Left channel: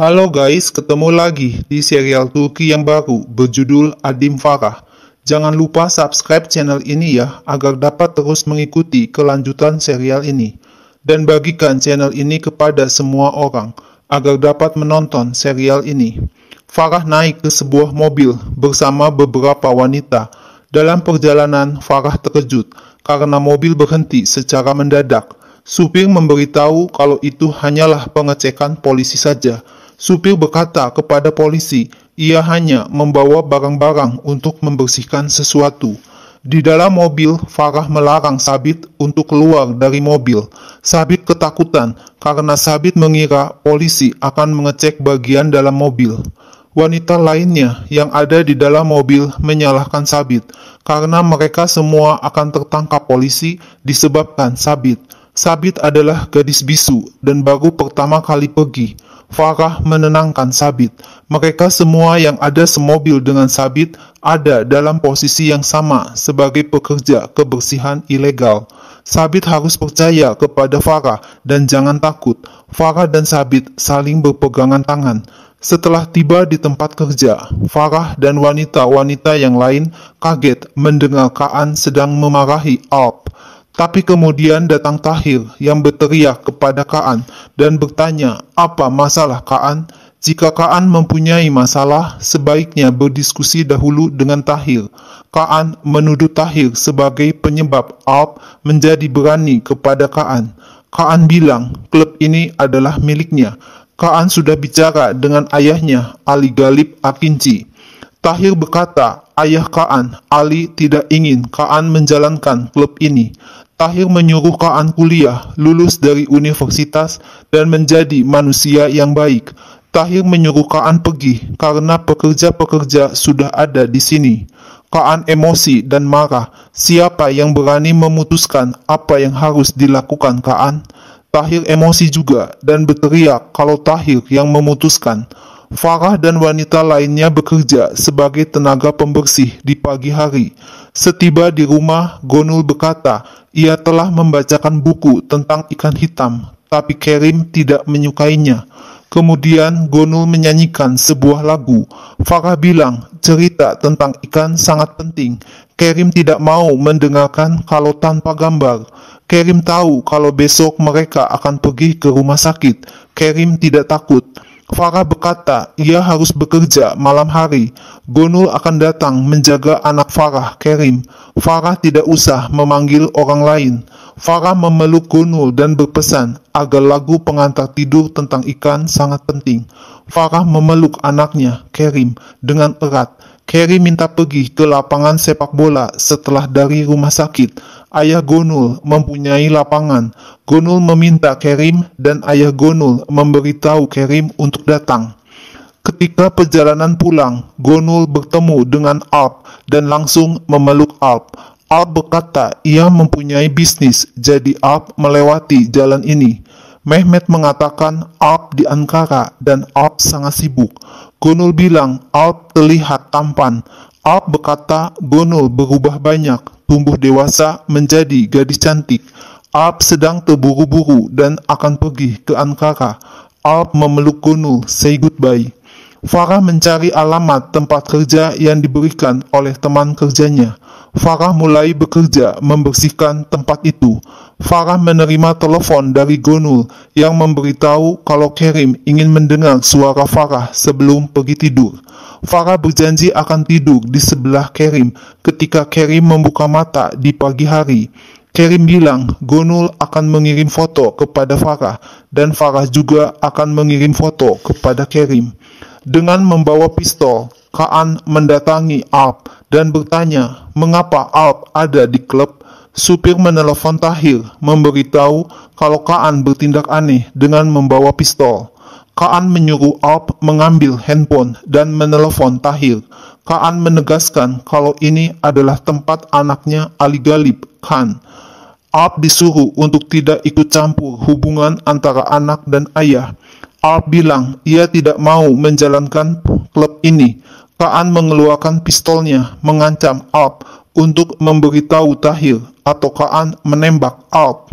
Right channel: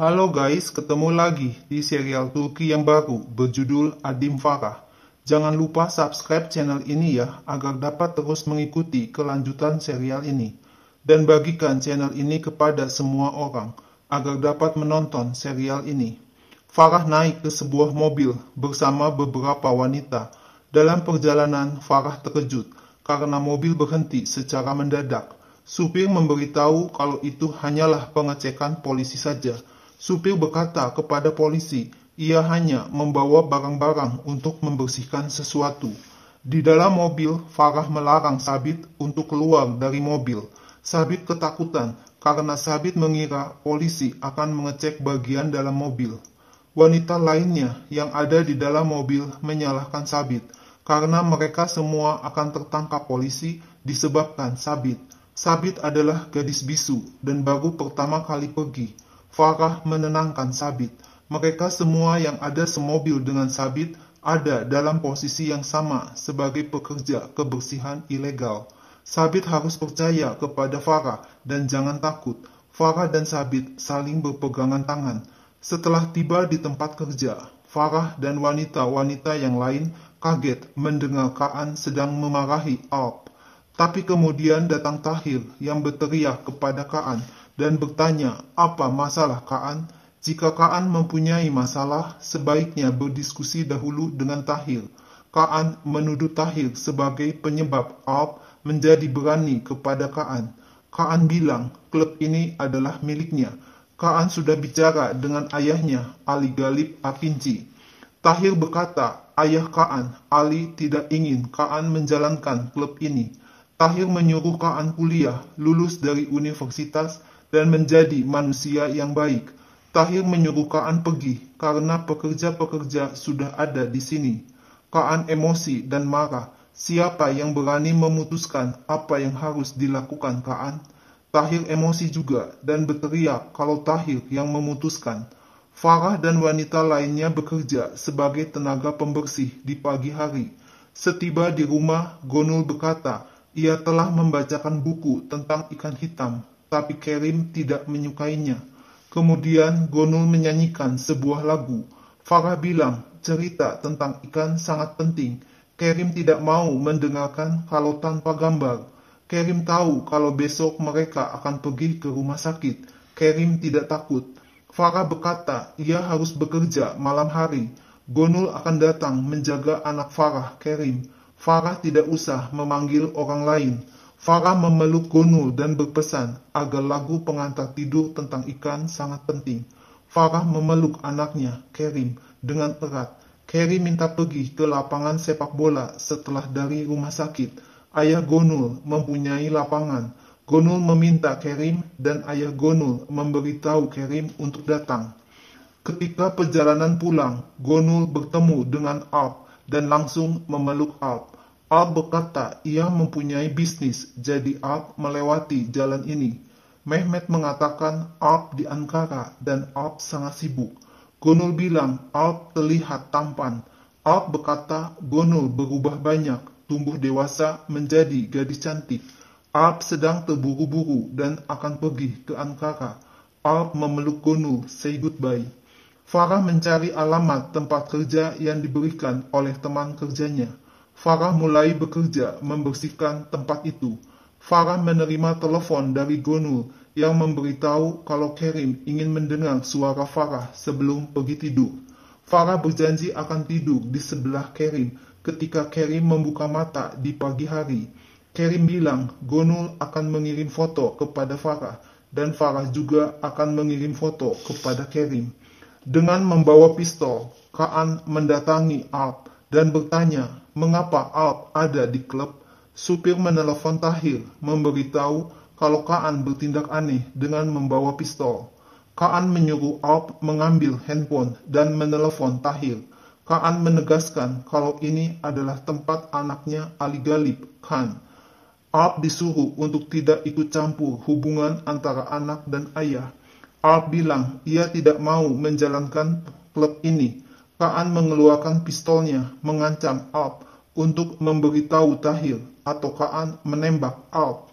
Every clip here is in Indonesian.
Halo guys, ketemu lagi di serial Turki yang baru berjudul Adim Farah. Jangan lupa subscribe channel ini ya, agar dapat terus mengikuti kelanjutan serial ini. Dan bagikan channel ini kepada semua orang, agar dapat menonton serial ini. Farah naik ke sebuah mobil bersama beberapa wanita. Dalam perjalanan, Farah terkejut karena mobil berhenti secara mendadak. Supir memberitahu kalau itu hanyalah pengecekan polisi saja. Supir berkata kepada polisi, ia hanya membawa barang-barang untuk membersihkan sesuatu. Di dalam mobil, Farah melarang Sabit untuk keluar dari mobil. Sabit ketakutan karena Sabit mengira polisi akan mengecek bagian dalam mobil. Wanita lainnya yang ada di dalam mobil menyalahkan Sabit karena mereka semua akan tertangkap polisi disebabkan Sabit. Sabit adalah gadis bisu dan baru pertama kali pergi. Farah menenangkan Sabit. Mereka semua yang ada semobil dengan Sabit ada dalam posisi yang sama sebagai pekerja kebersihan ilegal. Sabit harus percaya kepada Farah dan jangan takut. Farah dan Sabit saling berpegangan tangan. Setelah tiba di tempat kerja, Farah dan wanita-wanita yang lain kaget mendengar Kaan sedang memarahi Alp. Tapi kemudian datang Tahir yang berteriak kepada Kaan dan bertanya, apa masalah Kaan? Jika Kaan mempunyai masalah, sebaiknya berdiskusi dahulu dengan Tahir. Kaan menuduh Tahir sebagai penyebab Alp menjadi berani kepada Kaan. Kaan bilang, klub ini adalah miliknya. Kaan sudah bicara dengan ayahnya, Ali Galip Akinci. Tahir berkata, ayah Kaan, Ali tidak ingin Kaan menjalankan klub ini. Tahir menyuruh Kaan kuliah, lulus dari universitas, dan menjadi manusia yang baik. Tahir menyuruh Kaan pergi karena pekerja-pekerja sudah ada di sini. Kaan emosi dan marah. Siapa yang berani memutuskan apa yang harus dilakukan Kaan? Tahir emosi juga dan berteriak kalau Tahir yang memutuskan. Farah dan wanita lainnya bekerja sebagai tenaga pembersih di pagi hari. Setiba di rumah, Gonul berkata, ia telah membacakan buku tentang ikan hitam, tapi Kerim tidak menyukainya. Kemudian Gonul menyanyikan sebuah lagu. Farah bilang, cerita tentang ikan sangat penting. Kerim tidak mau mendengarkan kalau tanpa gambar. Kerim tahu kalau besok mereka akan pergi ke rumah sakit. Kerim tidak takut. Farah berkata, ia harus bekerja malam hari. Gonul akan datang menjaga anak Farah, Kerim. Farah tidak usah memanggil orang lain. Farah memeluk Gonul dan berpesan agar lagu pengantar tidur tentang ikan sangat penting. Farah memeluk anaknya, Kerim, dengan erat. Kerim minta pergi ke lapangan sepak bola setelah dari rumah sakit. Ayah Gonul mempunyai lapangan. Gonul meminta Kerim dan ayah Gonul memberitahu Kerim untuk datang. Ketika perjalanan pulang, Gonul bertemu dengan Alp dan langsung memeluk Alp. Alp berkata ia mempunyai bisnis, jadi Alp melewati jalan ini. Mehmet mengatakan Alp di Ankara dan Alp sangat sibuk. Gonul bilang Alp terlihat tampan. Alp berkata Gonul berubah banyak, tumbuh dewasa menjadi gadis cantik. Alp sedang terburu-buru dan akan pergi ke Ankara. Alp memeluk Gonul, say goodbye. Farah mencari alamat tempat kerja yang diberikan oleh teman kerjanya. Farah mulai bekerja membersihkan tempat itu. Farah menerima telepon dari Gonul yang memberitahu kalau Kerim ingin mendengar suara Farah sebelum pergi tidur. Farah berjanji akan tidur di sebelah Kerim ketika Kerim membuka mata di pagi hari. Kerim bilang Gonul akan mengirim foto kepada Farah dan Farah juga akan mengirim foto kepada Kerim. Dengan membawa pistol, Kaan mendatangi Alp dan bertanya mengapa Alp ada di klub. Supir menelepon Tahir memberitahu kalau Kaan bertindak aneh dengan membawa pistol. Kaan menyuruh Alp mengambil handphone dan menelepon Tahir. Kaan menegaskan kalau ini adalah tempat anaknya Ali Galip Khan. Alp disuruh untuk tidak ikut campur hubungan antara anak dan ayah. Alp bilang ia tidak mau menjalankan klub ini. Kaan mengeluarkan pistolnya mengancam Alp untuk memberitahu Tahir atau Kaan menembak Alp.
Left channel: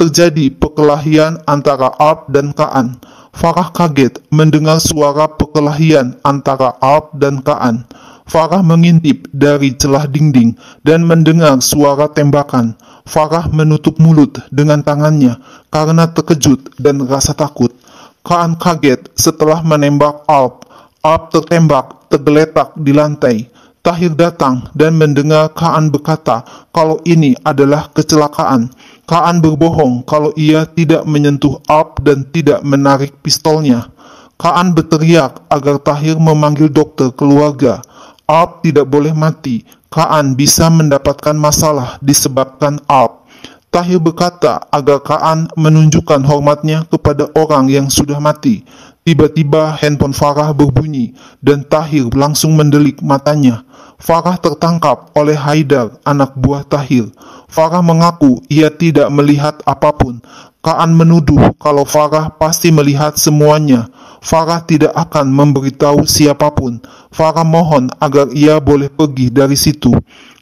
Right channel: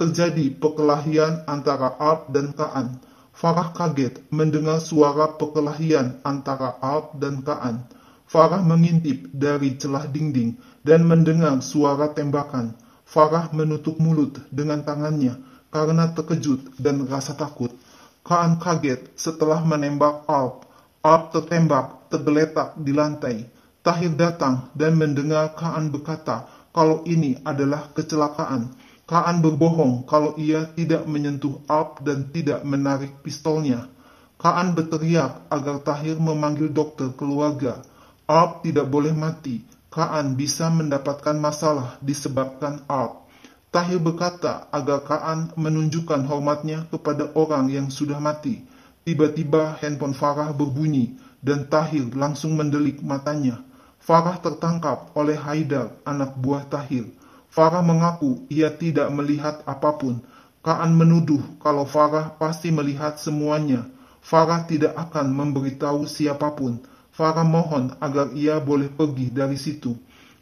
Terjadi perkelahian antara Alp dan Kaan. Farah kaget mendengar suara perkelahian antara Alp dan Kaan. Farah mengintip dari celah dinding dan mendengar suara tembakan. Farah menutup mulut dengan tangannya karena terkejut dan rasa takut. Kaan kaget setelah menembak Alp. Alp tertembak, tergeletak di lantai. Tahir datang dan mendengar Kaan berkata kalau ini adalah kecelakaan. Kaan berbohong kalau ia tidak menyentuh Alp dan tidak menarik pistolnya. Kaan berteriak agar Tahir memanggil dokter keluarga. Alp tidak boleh mati. Kaan bisa mendapatkan masalah disebabkan Alp. Tahir berkata agar Kaan menunjukkan hormatnya kepada orang yang sudah mati. Tiba-tiba handphone Farah berbunyi dan Tahir langsung mendelik matanya. Farah tertangkap oleh Haidar, anak buah Tahir. Farah mengaku ia tidak melihat apapun. Kaan menuduh kalau Farah pasti melihat semuanya. Farah tidak akan memberitahu siapapun. Farah mohon agar ia boleh pergi dari situ.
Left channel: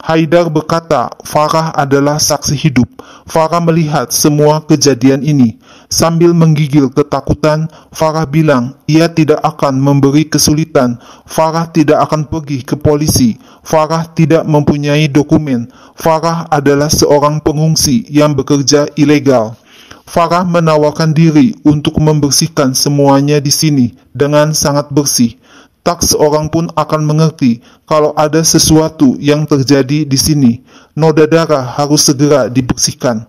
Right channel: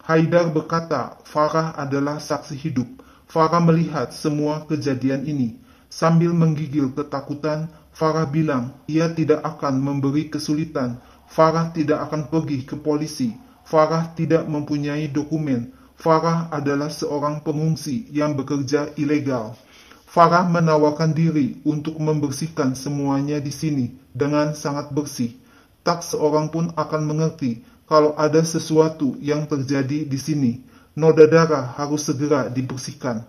Haidar berkata Farah adalah saksi hidup. Farah melihat semua kejadian ini. Sambil menggigil ketakutan, Farah bilang ia tidak akan memberi kesulitan. Farah tidak akan pergi ke polisi. Farah tidak mempunyai dokumen. Farah adalah seorang pengungsi yang bekerja ilegal. Farah menawarkan diri untuk membersihkan semuanya di sini dengan sangat bersih. Tak seorang pun akan mengerti kalau ada sesuatu yang terjadi di sini. Noda darah harus segera dibersihkan.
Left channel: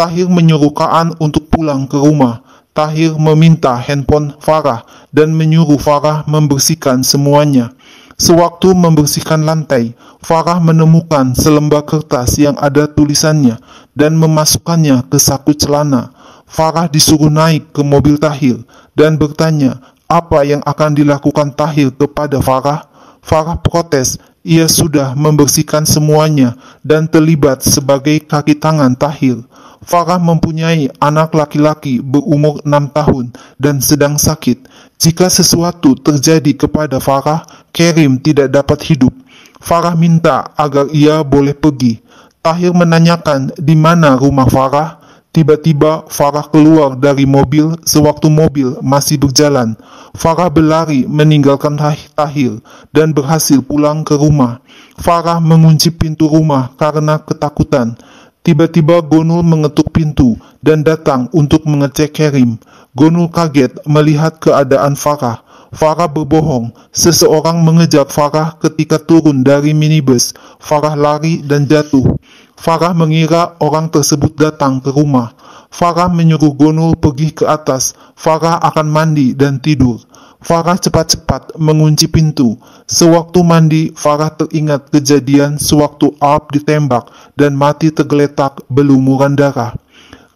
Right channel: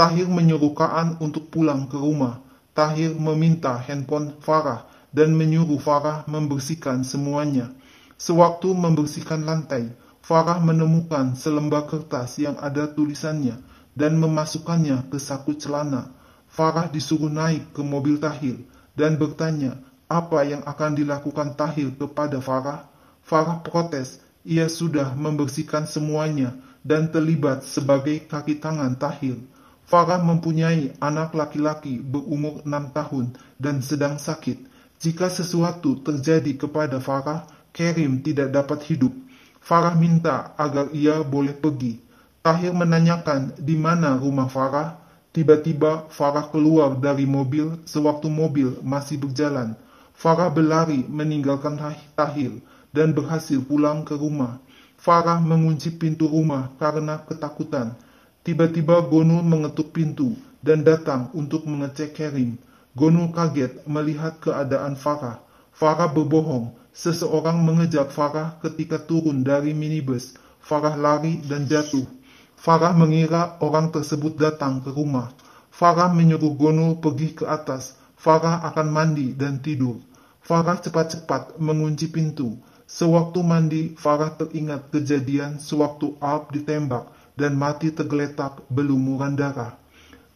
Tahir menyuruh Kaan untuk pulang ke rumah. Tahir meminta handphone Farah dan menyuruh Farah membersihkan semuanya. Sewaktu membersihkan lantai, Farah menemukan selembar kertas yang ada tulisannya dan memasukkannya ke saku celana. Farah disuruh naik ke mobil Tahir dan bertanya apa yang akan dilakukan Tahir kepada Farah. Farah protes, ia sudah membersihkan semuanya dan terlibat sebagai kaki tangan Tahir. Farah mempunyai anak laki-laki berumur 6 tahun dan sedang sakit. Jika sesuatu terjadi kepada Farah, Kerim tidak dapat hidup. Farah minta agar ia boleh pergi. Tahir menanyakan di mana rumah Farah. Tiba-tiba Farah keluar dari mobil sewaktu mobil masih berjalan. Farah berlari meninggalkan Tahir dan berhasil pulang ke rumah. Farah mengunci pintu rumah karena ketakutan. Tiba-tiba Gonul mengetuk pintu dan datang untuk mengecek Kerim. Gonul kaget melihat keadaan Farah. Farah berbohong. Seseorang mengejar Farah ketika turun dari minibus. Farah lari dan jatuh. Farah mengira orang tersebut datang ke rumah. Farah menyuruh Gonul pergi ke atas. Farah akan mandi dan tidur. Farah cepat-cepat mengunci pintu. Sewaktu mandi, Farah teringat kejadian sewaktu Alp ditembak dan mati tergeletak berlumuran darah.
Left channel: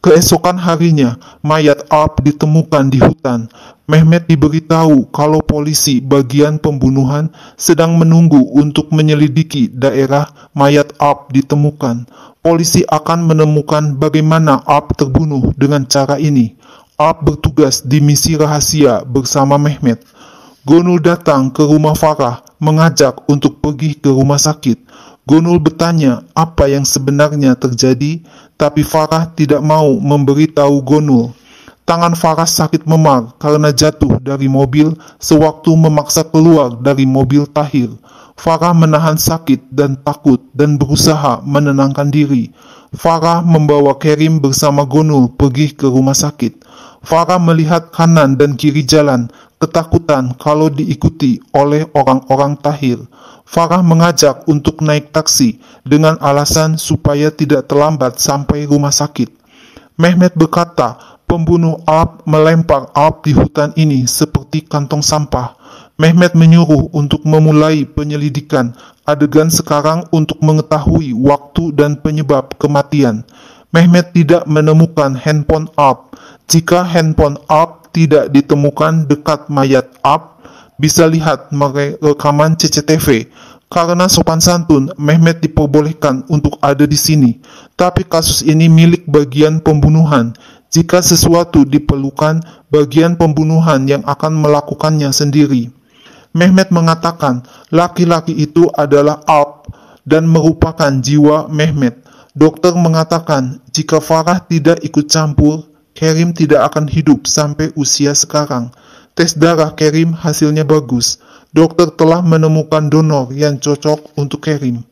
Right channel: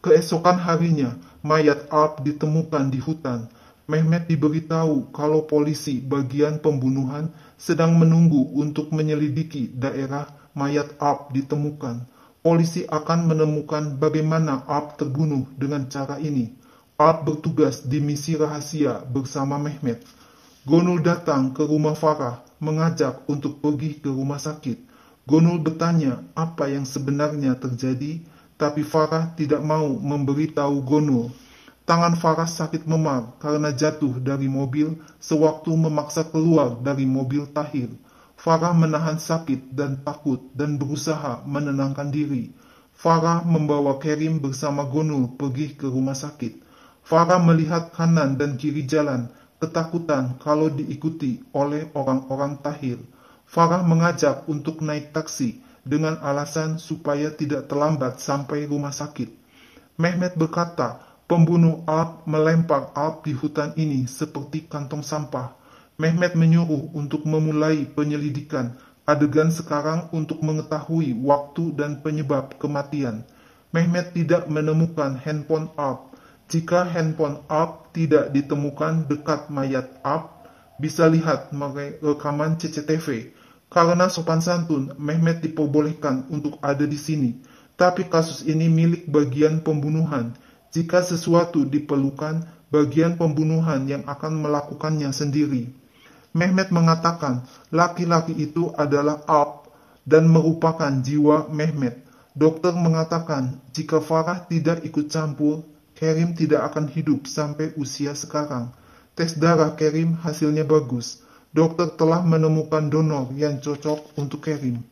Keesokan harinya, mayat Alp ditemukan di hutan. Mehmet diberitahu kalau polisi bagian pembunuhan sedang menunggu untuk menyelidiki daerah mayat Alp ditemukan. Polisi akan menemukan bagaimana Alp terbunuh dengan cara ini. Alp bertugas di misi rahasia bersama Mehmet. Gonul datang ke rumah Farah, mengajak untuk pergi ke rumah sakit. Gonul bertanya apa yang sebenarnya terjadi, tapi Farah tidak mau memberitahu Gonul. Tangan Farah sakit memar karena jatuh dari mobil sewaktu memaksa keluar dari mobil Tahir. Farah menahan sakit dan takut dan berusaha menenangkan diri. Farah membawa Kerim bersama Gonul pergi ke rumah sakit. Farah melihat kanan dan kiri jalan, ketakutan kalau diikuti oleh orang-orang Tahir. Farah mengajak untuk naik taksi dengan alasan supaya tidak terlambat sampai rumah sakit. Mehmet berkata, pembunuh Alp melempar Alp di hutan ini seperti kantong sampah. Mehmet menyuruh untuk memulai penyelidikan adegan sekarang untuk mengetahui waktu dan penyebab kematian. Mehmet tidak menemukan handphone Alp. Jika handphone Alp tidak ditemukan dekat mayat Alp, bisa lihat rekaman CCTV. Karena sopan santun, Mehmet diperbolehkan untuk ada di sini. Tapi kasus ini milik bagian pembunuhan. Jika sesuatu diperlukan, bagian pembunuhan yang akan melakukannya sendiri. Mehmet mengatakan laki-laki itu adalah Alp dan merupakan jiwa Mehmet. Dokter mengatakan jika Farah tidak ikut campur, Kerim tidak akan hidup sampai usia sekarang. Tes darah Kerim hasilnya bagus. Dokter telah menemukan donor yang cocok untuk Kerim.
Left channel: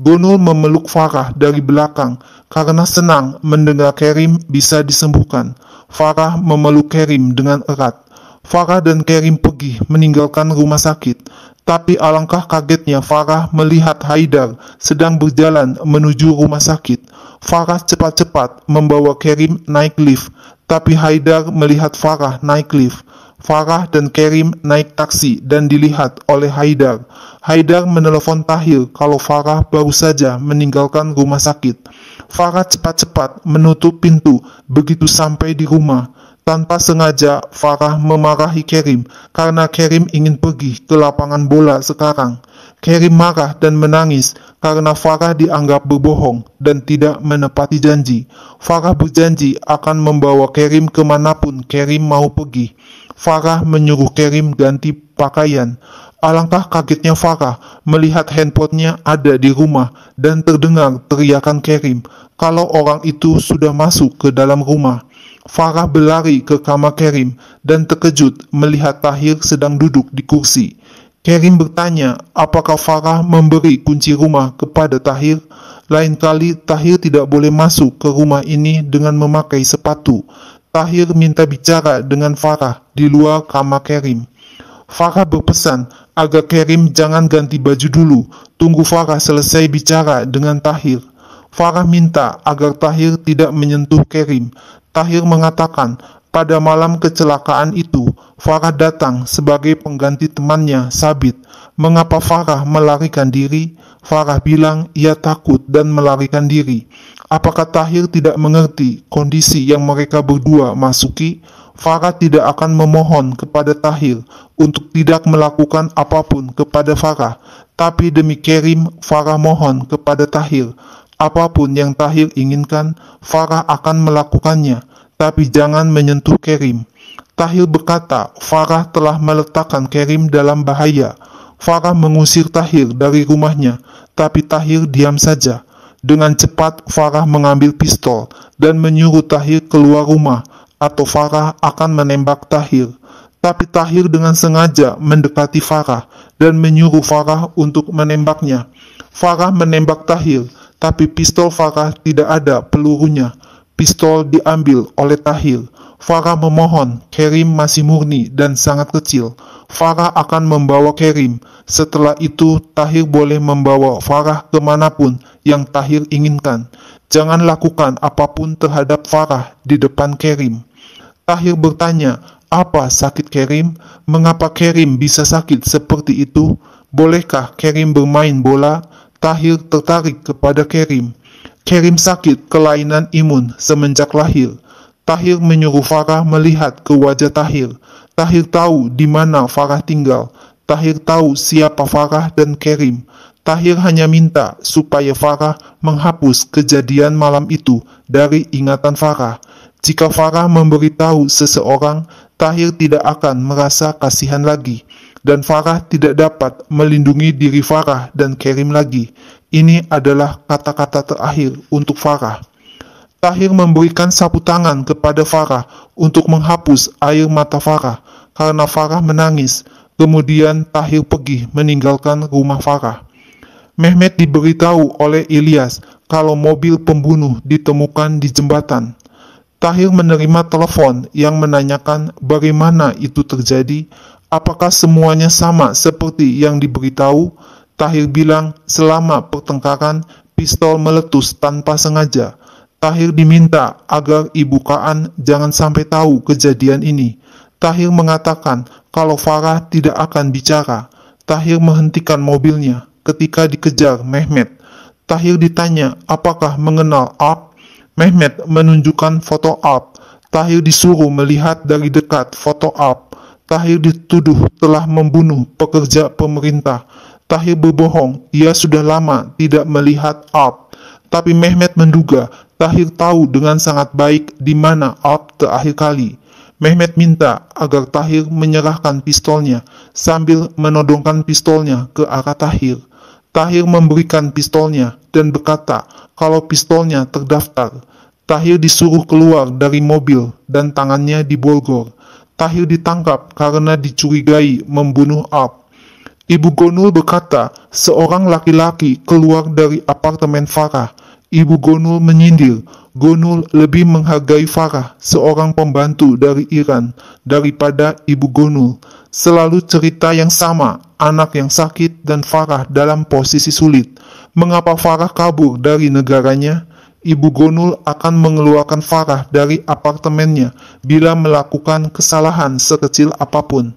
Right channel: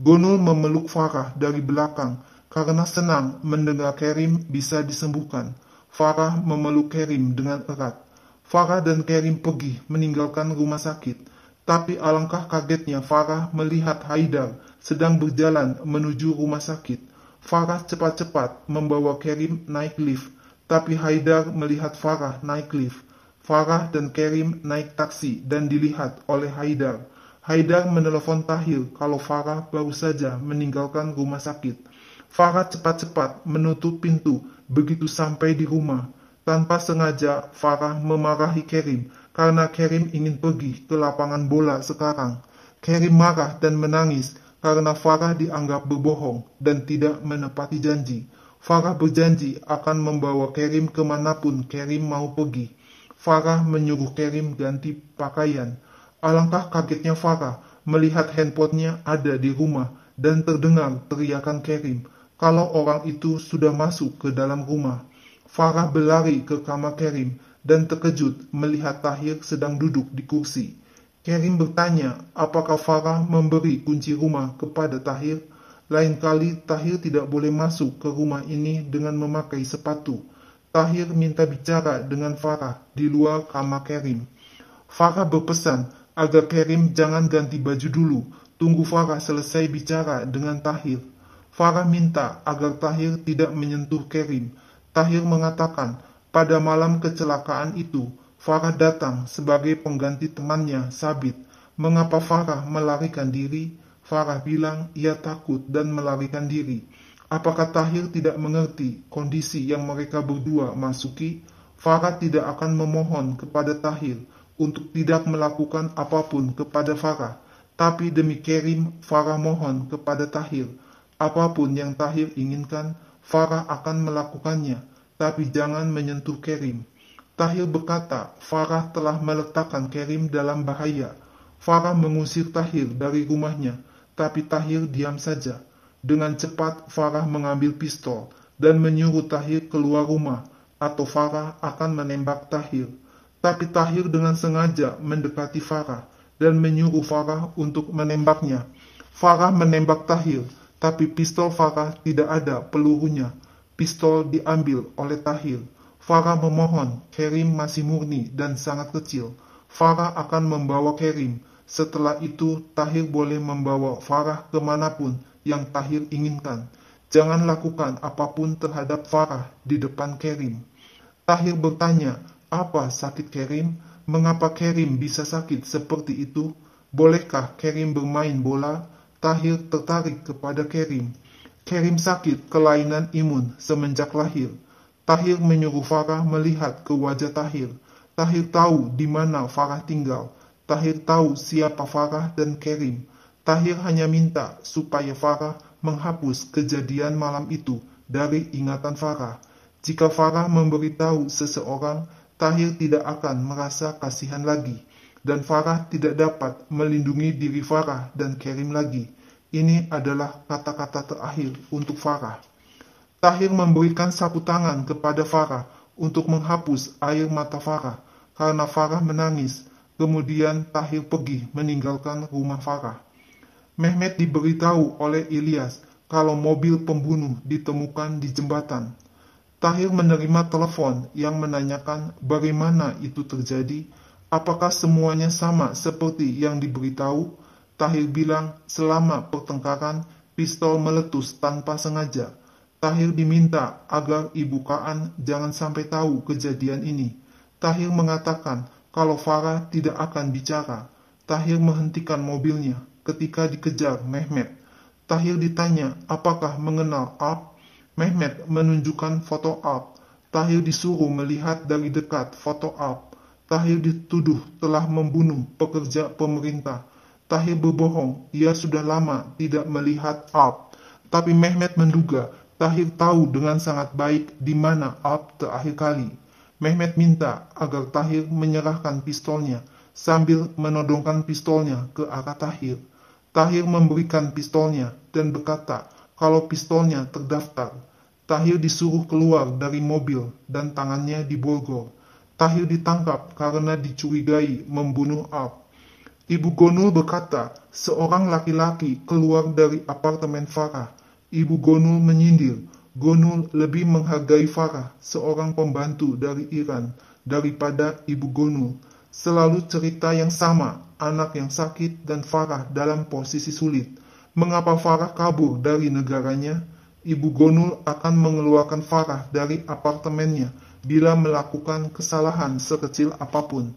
Gunul memeluk Farah dari belakang karena senang mendengar Kerim bisa disembuhkan. Farah memeluk Kerim dengan erat. Farah dan Kerim pergi meninggalkan rumah sakit. Tapi alangkah kagetnya Farah melihat Haidar sedang berjalan menuju rumah sakit. Farah cepat-cepat membawa Kerim naik lift, tapi Haidar melihat Farah naik lift. Farah dan Kerim naik taksi dan dilihat oleh Haidar. Haidar menelepon Tahir kalau Farah baru saja meninggalkan rumah sakit. Farah cepat-cepat menutup pintu begitu sampai di rumah. Tanpa sengaja, Farah memarahi Kerim karena Kerim ingin pergi ke lapangan bola sekarang. Kerim marah dan menangis karena Farah dianggap berbohong dan tidak menepati janji. Farah berjanji akan membawa Kerim kemanapun Kerim mau pergi. Farah menyuruh Kerim ganti pakaian. Alangkah kagetnya Farah melihat handphonenya ada di rumah dan terdengar teriakan Kerim kalau orang itu sudah masuk ke dalam rumah. Farah berlari ke kamar Kerim dan terkejut melihat Tahir sedang duduk di kursi. Kerim bertanya apakah Farah memberi kunci rumah kepada Tahir. Lain kali Tahir tidak boleh masuk ke rumah ini dengan memakai sepatu. Tahir minta bicara dengan Farah di luar kamar Kerim. Farah berpesan agar Kerim jangan ganti baju dulu, tunggu Farah selesai bicara dengan Tahir. Farah minta agar Tahir tidak menyentuh Kerim. Tahir mengatakan pada malam kecelakaan itu Farah datang sebagai pengganti temannya Sabit. Mengapa Farah melarikan diri? Farah bilang ia takut dan melarikan diri. Apakah Tahir tidak mengerti kondisi yang mereka berdua masuki? Farah tidak akan memohon kepada Tahir untuk tidak melakukan apapun kepada Farah. Tapi demi Kerim, Farah mohon kepada Tahir. Apapun yang Tahir inginkan, Farah akan melakukannya, tapi jangan menyentuh Kerim. Tahir berkata, Farah telah meletakkan Kerim dalam bahaya. Farah mengusir Tahir dari rumahnya, tapi Tahir diam saja. Dengan cepat, Farah mengambil pistol dan menyuruh Tahir keluar rumah, atau Farah akan menembak Tahir. Tapi Tahir dengan sengaja mendekati Farah dan menyuruh Farah untuk menembaknya. Farah menembak Tahir, tapi pistol Farah tidak ada pelurunya. Pistol diambil oleh Tahir. Farah memohon, Kerim masih murni dan sangat kecil. Farah akan membawa Kerim. Setelah itu, Tahir boleh membawa Farah kemanapun yang Tahir inginkan. Jangan lakukan apapun terhadap Farah di depan Kerim. Tahir bertanya, apa sakit Kerim? Mengapa Kerim bisa sakit seperti itu? Bolehkah Kerim bermain bola? Tahir tertarik kepada Kerim. Kerim sakit kelainan imun semenjak lahir. Tahir menyuruh Farah melihat ke wajah Tahir. Tahir tahu di mana Farah tinggal. Tahir tahu siapa Farah dan Kerim. Tahir hanya minta supaya Farah menghapus kejadian malam itu dari ingatan Farah. Jika Farah memberitahu seseorang, Tahir tidak akan merasa kasihan lagi. Dan Farah tidak dapat melindungi diri Farah dan Kerim lagi. Ini adalah kata-kata terakhir untuk Farah. Tahir memberikan sapu tangan kepada Farah untuk menghapus air mata Farah karena Farah menangis. Kemudian Tahir pergi meninggalkan rumah Farah. Mehmet diberitahu oleh Ilyas kalau mobil pembunuh ditemukan di jembatan. Tahir menerima telepon yang menanyakan bagaimana itu terjadi. Apakah semuanya sama seperti yang diberitahu? Tahir bilang selama pertengkaran pistol meletus tanpa sengaja. Tahir diminta agar Ibu Kaan jangan sampai tahu kejadian ini. Tahir mengatakan kalau Farah tidak akan bicara. Tahir menghentikan mobilnya ketika dikejar Mehmet. Tahir ditanya apakah mengenal Alp. Mehmet menunjukkan foto Alp. Tahir disuruh melihat dari dekat foto Alp. Tahir dituduh telah membunuh pekerja pemerintah. Tahir berbohong, ia sudah lama tidak melihat Alp. Tapi Mehmet menduga Tahir tahu dengan sangat baik di mana Alp terakhir kali. Mehmet minta agar Tahir menyerahkan pistolnya sambil menodongkan pistolnya ke arah Tahir. Tahir memberikan pistolnya dan berkata kalau pistolnya terdaftar. Tahir disuruh keluar dari mobil dan tangannya diborgol. Tahir ditangkap karena dicurigai membunuh Alp. Ibu Gonul berkata, seorang laki-laki keluar dari apartemen Farah. Ibu Gonul menyindir, Gonul lebih menghargai Farah, seorang pembantu dari Iran, daripada Ibu Gonul. Selalu cerita yang sama, anak yang sakit dan Farah dalam posisi sulit. Mengapa Farah kabur dari negaranya? Ibu Gonul akan mengeluarkan Farah dari apartemennya bila melakukan kesalahan sekecil apapun.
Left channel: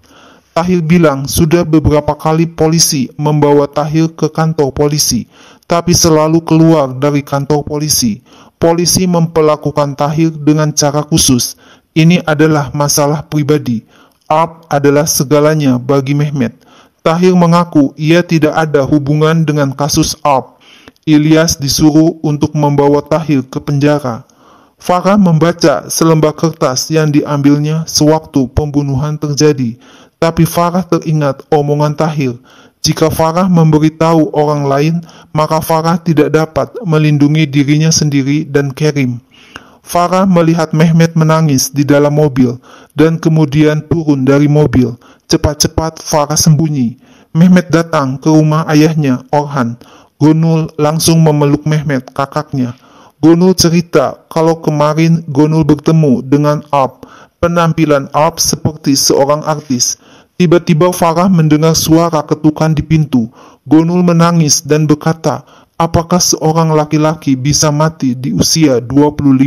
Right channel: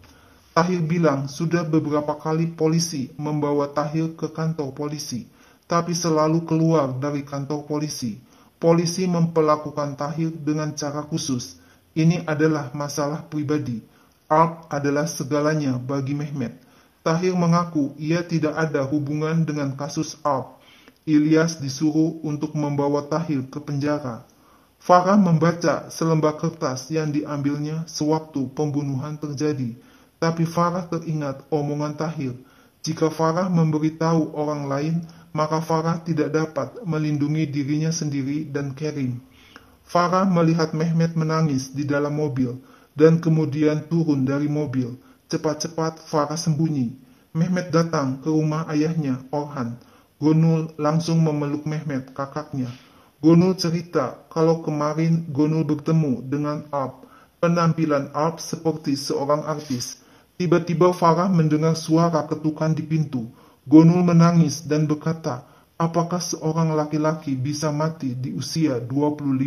Tahir bilang sudah beberapa kali polisi membawa Tahir ke kantor polisi, tapi selalu keluar dari kantor polisi. Polisi memperlakukan Tahir dengan cara khusus. Ini adalah masalah pribadi. Alp adalah segalanya bagi Mehmet. Tahir mengaku ia tidak ada hubungan dengan kasus Alp. Ilyas disuruh untuk membawa Tahir ke penjara. Farah membaca selembar kertas yang diambilnya sewaktu pembunuhan terjadi. Tapi Farah teringat omongan Tahir. Jika Farah memberitahu orang lain, maka Farah tidak dapat melindungi dirinya sendiri dan Kerim. Farah melihat Mehmet menangis di dalam mobil dan kemudian turun dari mobil. Cepat-cepat Farah sembunyi. Mehmet datang ke rumah ayahnya, Orhan. Gonul langsung memeluk Mehmet, kakaknya. Gonul cerita kalau kemarin Gonul bertemu dengan Alp. Penampilan Alp seperti seorang artis. Tiba-tiba Farah mendengar suara ketukan di pintu. Gonul menangis dan berkata, apakah seorang laki-laki bisa mati di usia 25?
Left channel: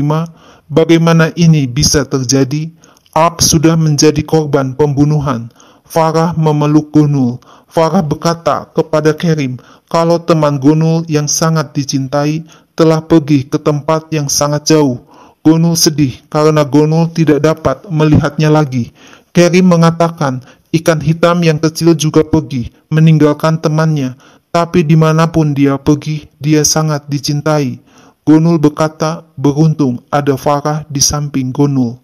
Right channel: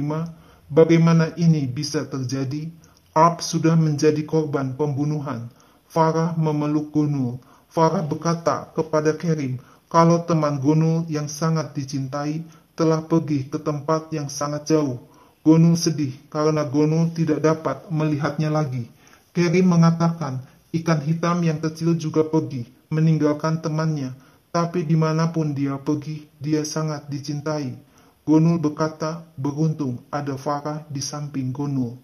Bagaimana ini bisa terjadi? Alp sudah menjadi korban pembunuhan. Farah memeluk Gonul. Farah berkata kepada Kerim, kalau teman Gonul yang sangat dicintai telah pergi ke tempat yang sangat jauh. Gonul sedih karena Gonul tidak dapat melihatnya lagi. Kerim mengatakan, ikan hitam yang kecil juga pergi, meninggalkan temannya. Tapi dimanapun dia pergi, dia sangat dicintai. Gonul berkata, beruntung ada Farah di samping Gonul.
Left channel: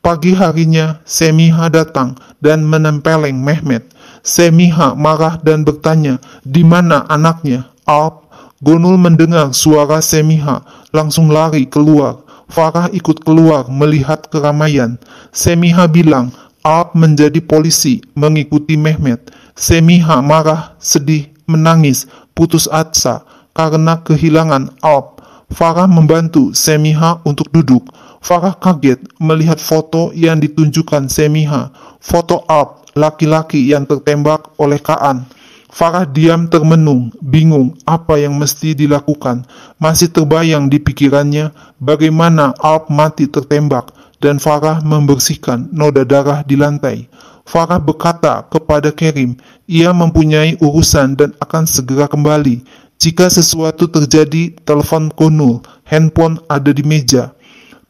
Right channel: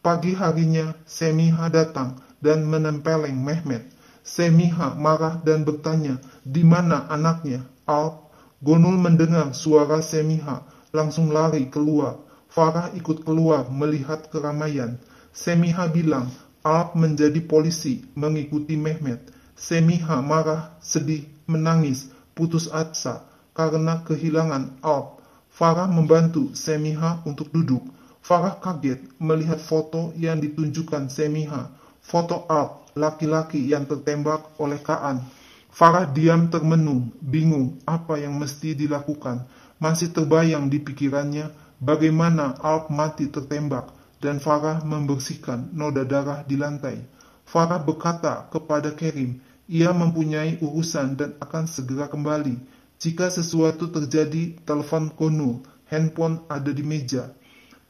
Pagi harinya, Semiha datang dan menempeleng Mehmet. Semiha marah dan bertanya, di mana anaknya, Alp? Gonul mendengar suara Semiha, langsung lari keluar. Farah ikut keluar melihat keramaian. Semiha bilang, Alp menjadi polisi mengikuti Mehmet. Semiha marah, sedih, menangis, putus asa karena kehilangan Alp. Farah membantu Semiha untuk duduk. Farah kaget melihat foto yang ditunjukkan Semiha. Foto Alp, laki-laki yang tertembak oleh Kaan. Farah diam termenung, bingung apa yang mesti dilakukan. Masih terbayang di pikirannya bagaimana Alp mati tertembak dan Farah membersihkan noda darah di lantai. Farah berkata kepada Kerim, ia mempunyai urusan dan akan segera kembali. Jika sesuatu terjadi, telepon Gonul, handphone ada di meja.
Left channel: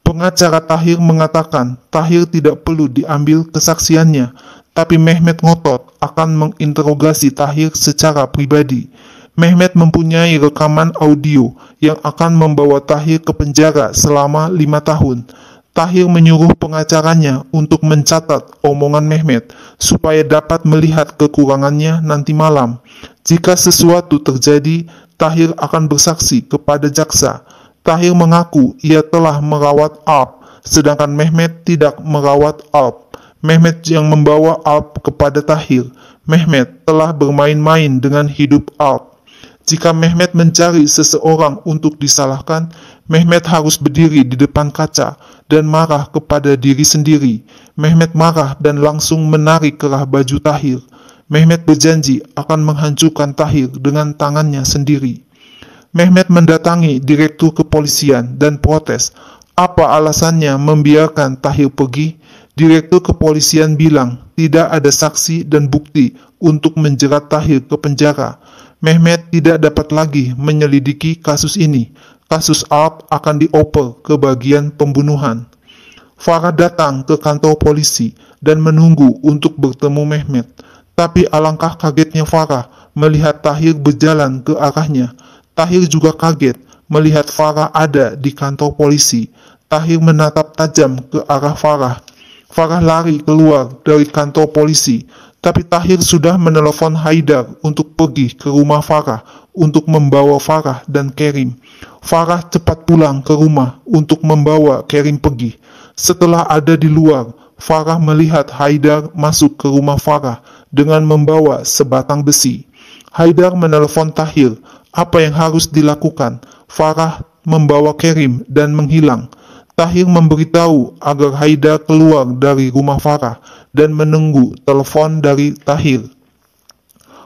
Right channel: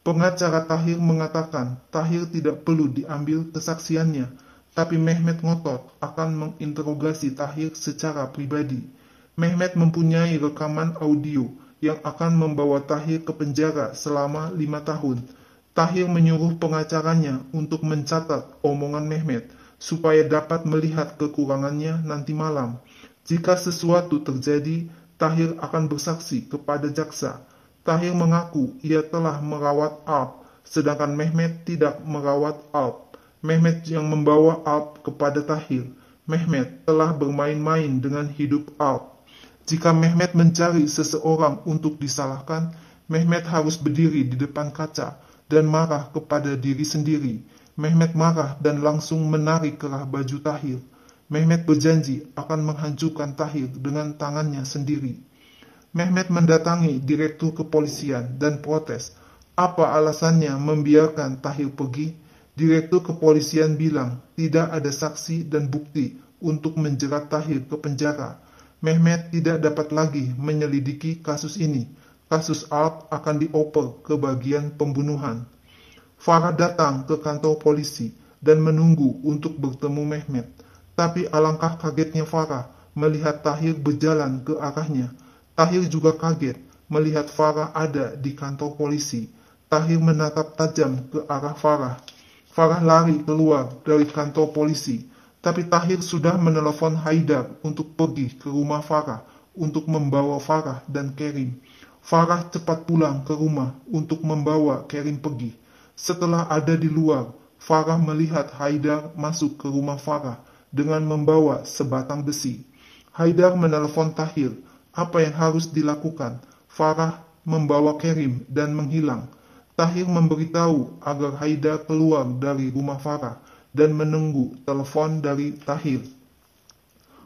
Pengacara Tahir mengatakan Tahir tidak perlu diambil kesaksiannya, tapi Mehmet ngotot akan menginterogasi Tahir secara pribadi. Mehmet mempunyai rekaman audio yang akan membawa Tahir ke penjara selama 5 tahun. Tahir menyuruh pengacaranya untuk mencatat omongan Mehmet supaya dapat melihat kekurangannya nanti malam. Jika sesuatu terjadi, Tahir akan bersaksi kepada jaksa. Tahir mengaku ia telah merawat Alp, sedangkan Mehmet tidak merawat Alp. Mehmet yang membawa Alp kepada Tahir. Mehmet telah bermain-main dengan hidup Alp. Jika Mehmet mencari seseorang untuk disalahkan, Mehmet harus berdiri di depan kaca dan marah kepada diri sendiri. Mehmet marah dan langsung menarik kerah baju Tahir. Mehmet berjanji akan menghancurkan Tahir dengan tangannya sendiri. Mehmet mendatangi direktur kepolisian dan protes. Apa alasannya membiarkan Tahir pergi? Direktur kepolisian bilang tidak ada saksi dan bukti untuk menjerat Tahir ke penjara. Mehmet tidak dapat lagi menyelidiki kasus ini. Kasus Alp akan dioper ke bagian pembunuhan. Farah datang ke kantor polisi dan menunggu untuk bertemu Mehmet. Tapi alangkah kagetnya Farah melihat Tahir berjalan ke arahnya. Tahir juga kaget melihat Farah ada di kantor polisi. Tahir menatap tajam ke arah Farah. Farah lari keluar dari kantor polisi, tapi Tahir sudah menelepon Haidar untuk pergi ke rumah Farah untuk membawa Farah dan Kerim. Farah cepat pulang ke rumah untuk membawa Kerim pergi. Setelah ada di luar, Farah melihat Haidar masuk ke rumah Farah dengan membawa sebatang besi. Haidar menelepon Tahir. Apa yang harus dilakukan? Farah membawa Kerim dan menghilang. Tahir memberitahu agar Haidar keluar dari rumah Farah dan menunggu telepon dari Tahir.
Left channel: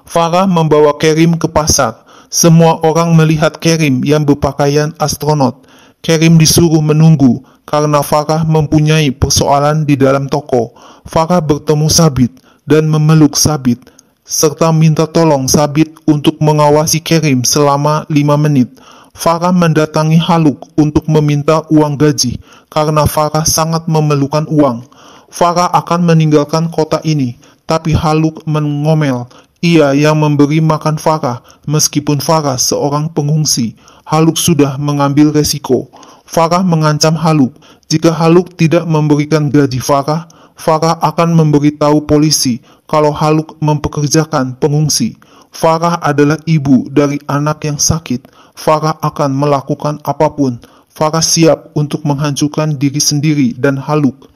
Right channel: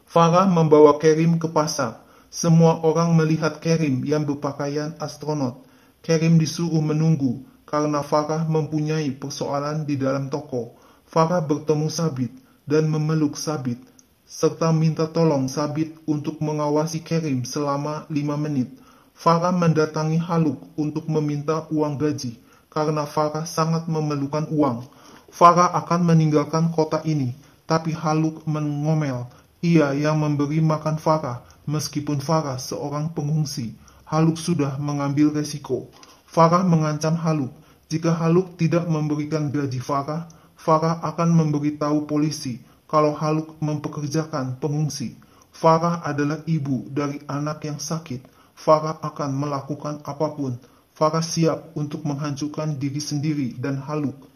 Farah membawa Kerim ke pasar. Semua orang melihat Kerim yang berpakaian astronot. Kerim disuruh menunggu karena Farah mempunyai persoalan di dalam toko. Farah bertemu Sabit dan memeluk Sabit, serta minta tolong Sabit untuk mengawasi Kerim selama 5 menit. Farah mendatangi Haluk untuk meminta uang gaji karena Farah sangat memerlukan uang. Farah akan meninggalkan kota ini, tapi Haluk mengomel. Ia yang memberi makan Farah, meskipun Farah seorang pengungsi. Haluk sudah mengambil resiko. Farah mengancam Haluk. Jika Haluk tidak memberikan gaji Farah, Farah akan memberitahu polisi kalau Haluk mempekerjakan pengungsi. Farah adalah ibu dari anak yang sakit. Farah akan melakukan apapun. Farah siap untuk menghancurkan diri sendiri dan Haluk.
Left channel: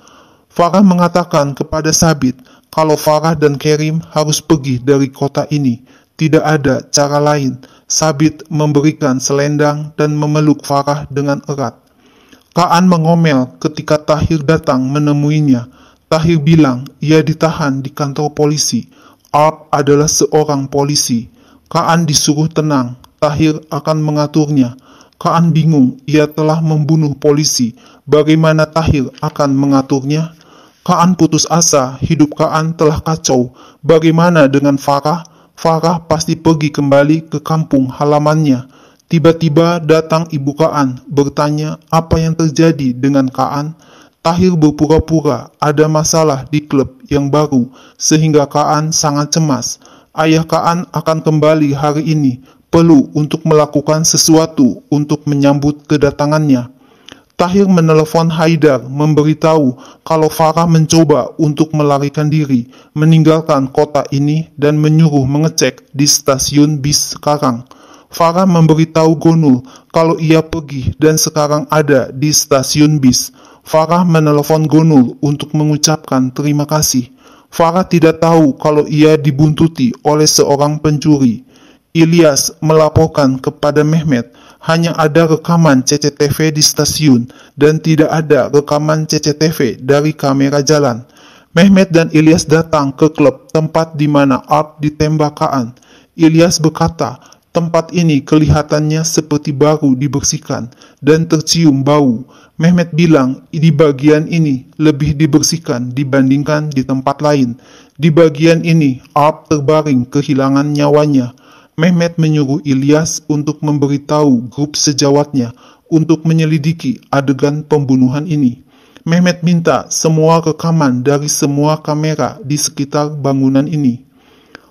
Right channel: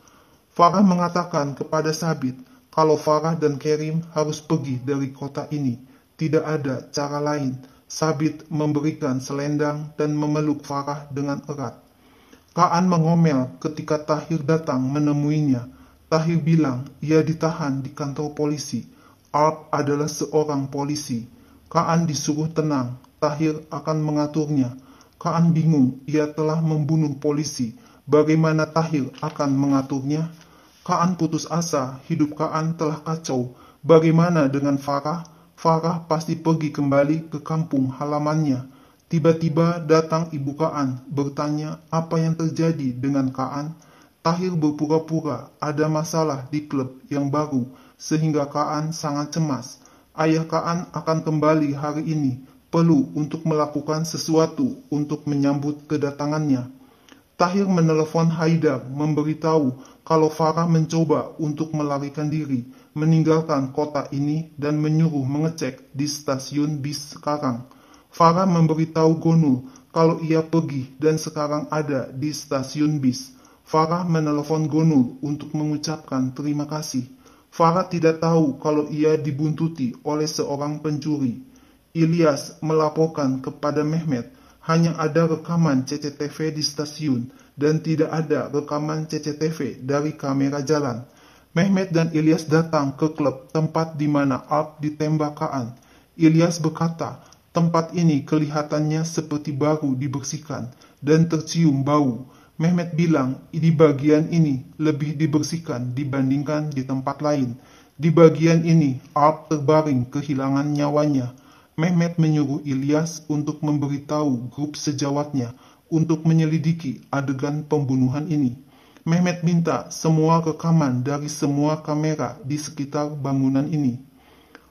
Farah mengatakan kepada Sabit kalau Farah dan Kerim harus pergi dari kota ini. Tidak ada cara lain. Sabit memberikan selendang dan memeluk Farah dengan erat. Kaan mengomel ketika Tahir datang menemuinya. Tahir bilang ia ditahan di kantor polisi. Arp adalah seorang polisi. Kaan disuruh tenang. Tahir akan mengaturnya. Kaan bingung, ia telah membunuh polisi. Bagaimana Tahir akan mengaturnya? Kaan putus asa, hidup Kaan telah kacau. Bagaimana dengan Farah? Farah pasti pergi kembali ke kampung halamannya. Tiba-tiba datang ibu Kaan, bertanya apa yang terjadi dengan Kaan. Tahir berpura-pura ada masalah di klub yang baru, sehingga Kaan sangat cemas. Ayah Kaan akan kembali hari ini, perlu untuk melakukan sesuatu untuk menyambut kedatangannya. Tahir menelepon Haidar memberitahu kalau Farah mencoba untuk melarikan diri, meninggalkan kota ini dan menyuruh mengecek di stasiun bis sekarang. Farah memberitahu Gonul kalau ia pergi dan sekarang ada di stasiun bis. Farah menelepon Gonul untuk mengucapkan terima kasih. Farah tidak tahu kalau ia dibuntuti oleh seorang pencuri. Ilyas melaporkan kepada Mehmet. Hanya ada rekaman CCTV di stasiun dan tidak ada rekaman CCTV dari kamera jalan. Mehmet dan Ilyas datang ke klub tempat di mana Arp ditembak Kaan. Ilyas berkata, tempat ini kelihatannya seperti baru dibersihkan dan tercium bau. Mehmet bilang di bagian ini lebih dibersihkan dibandingkan di tempat lain. Di bagian ini Arp terbaring kehilangan nyawanya. Mehmet menyuruh Ilyas untuk memberitahu grup sejawatnya untuk menyelidiki adegan pembunuhan ini. Mehmet minta semua rekaman dari semua kamera di sekitar bangunan ini.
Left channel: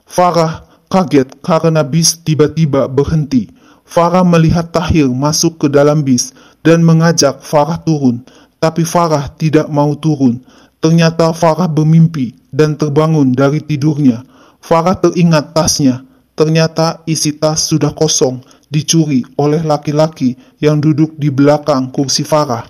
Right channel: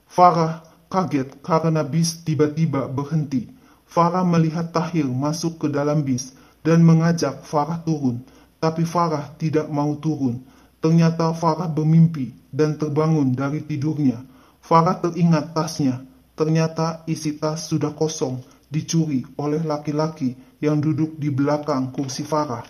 Farah kaget karena bis tiba-tiba berhenti. Farah melihat Tahir masuk ke dalam bis dan mengajak Farah turun, tapi Farah tidak mau turun. Ternyata Farah bermimpi dan terbangun dari tidurnya. Farah teringat tasnya. Ternyata isi tas sudah kosong, dicuri oleh laki-laki yang duduk di belakang kursi Farah.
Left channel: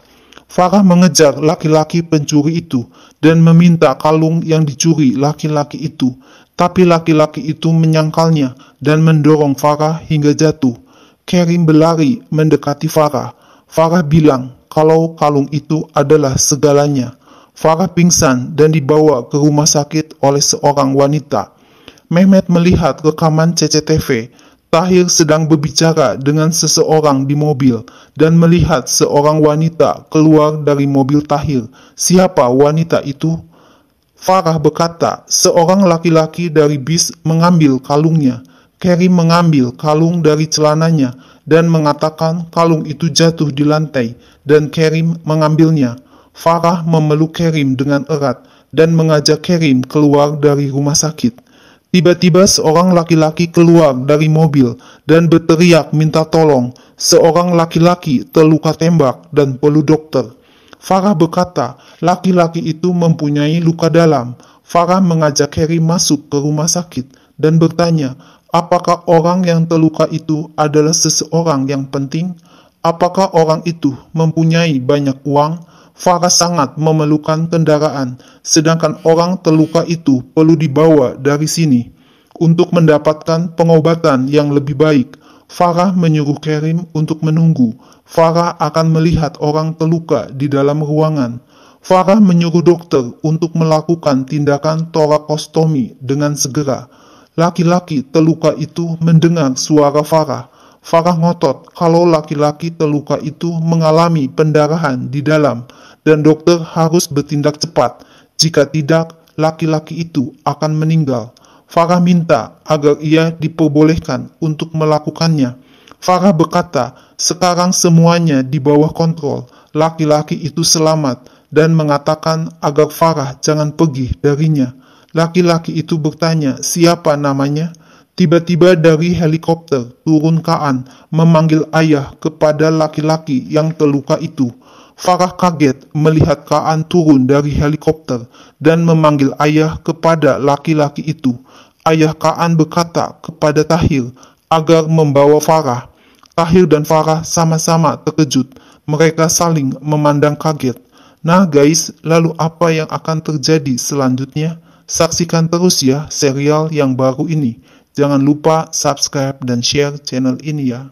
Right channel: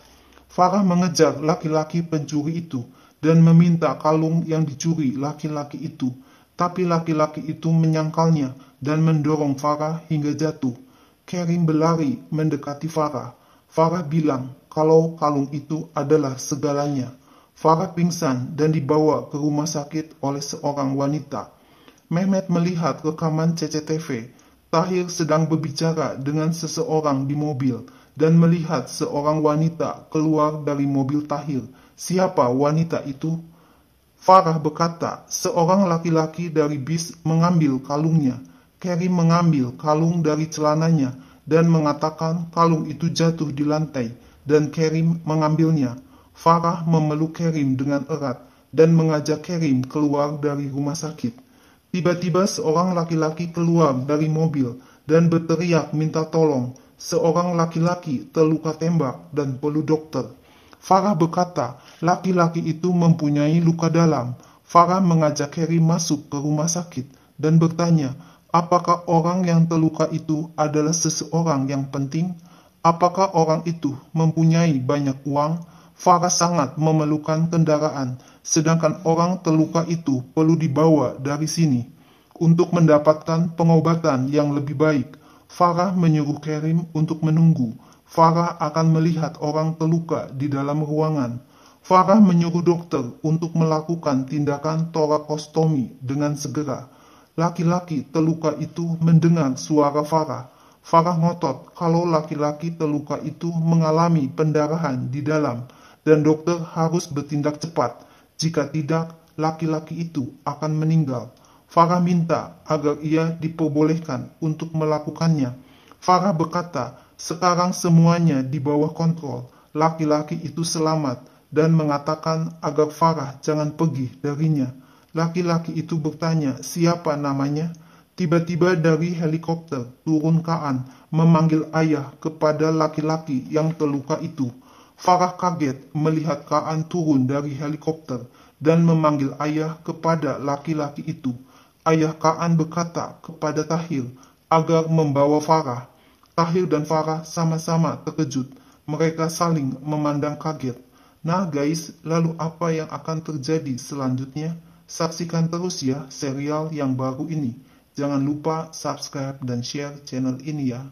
Farah mengejar laki-laki pencuri itu dan meminta kalung yang dicuri laki-laki itu. Tapi laki-laki itu menyangkalnya dan mendorong Farah hingga jatuh. Kerim berlari mendekati Farah. Farah bilang kalau kalung itu adalah segalanya. Farah pingsan dan dibawa ke rumah sakit oleh seorang wanita. Mehmet melihat rekaman CCTV. Tahir sedang berbicara dengan seseorang di mobil dan melihat seorang wanita keluar dari mobil Tahir. Siapa wanita itu? Farah berkata, seorang laki-laki dari bis mengambil kalungnya. Kerim mengambil kalung dari celananya dan mengatakan kalung itu jatuh di lantai dan Kerim mengambilnya. Farah memeluk Kerim dengan erat dan mengajak Kerim keluar dari rumah sakit. Tiba-tiba seorang laki-laki keluar dari mobil dan berteriak minta tolong. Seorang laki-laki terluka tembak dan perlu dokter. Farah berkata, laki-laki itu mempunyai luka dalam. Farah mengajak Kerim masuk ke rumah sakit dan bertanya, Apakah orang yang terluka itu adalah seseorang yang penting? Apakah orang itu mempunyai banyak uang? Farah sangat memerlukan kendaraan, sedangkan orang terluka itu perlu dibawa dari sini. Untuk mendapatkan pengobatan yang lebih baik, Farah menyuruh Kerim untuk menunggu. Farah akan melihat orang terluka di dalam ruangan. Farah menyuruh dokter untuk melakukan tindakan torakostomi dengan segera. Laki-laki terluka itu mendengar suara Farah. Farah ngotot kalau laki-laki terluka itu mengalami pendarahan di dalam, dan dokter harus bertindak cepat. Jika tidak, laki-laki itu akan meninggal. Farah minta agar ia diperbolehkan untuk melakukannya. Farah berkata, sekarang semuanya di bawah kontrol. Laki-laki itu selamat dan mengatakan agar Farah jangan pergi darinya. Laki-laki itu bertanya, siapa namanya? Tiba-tiba dari helikopter turun Kaan memanggil ayah kepada laki-laki yang terluka itu. Farah kaget melihat Kaan turun dari helikopter dan memanggil ayah kepada laki-laki itu. Ayah Kaan berkata kepada Tahir agar membawa Farah. Tahir dan Farah sama-sama terkejut. Mereka saling memandang kaget. Nah guys, lalu apa yang akan terjadi selanjutnya? Saksikan terus ya serial yang baru ini. Jangan lupa subscribe dan share channel ini ya.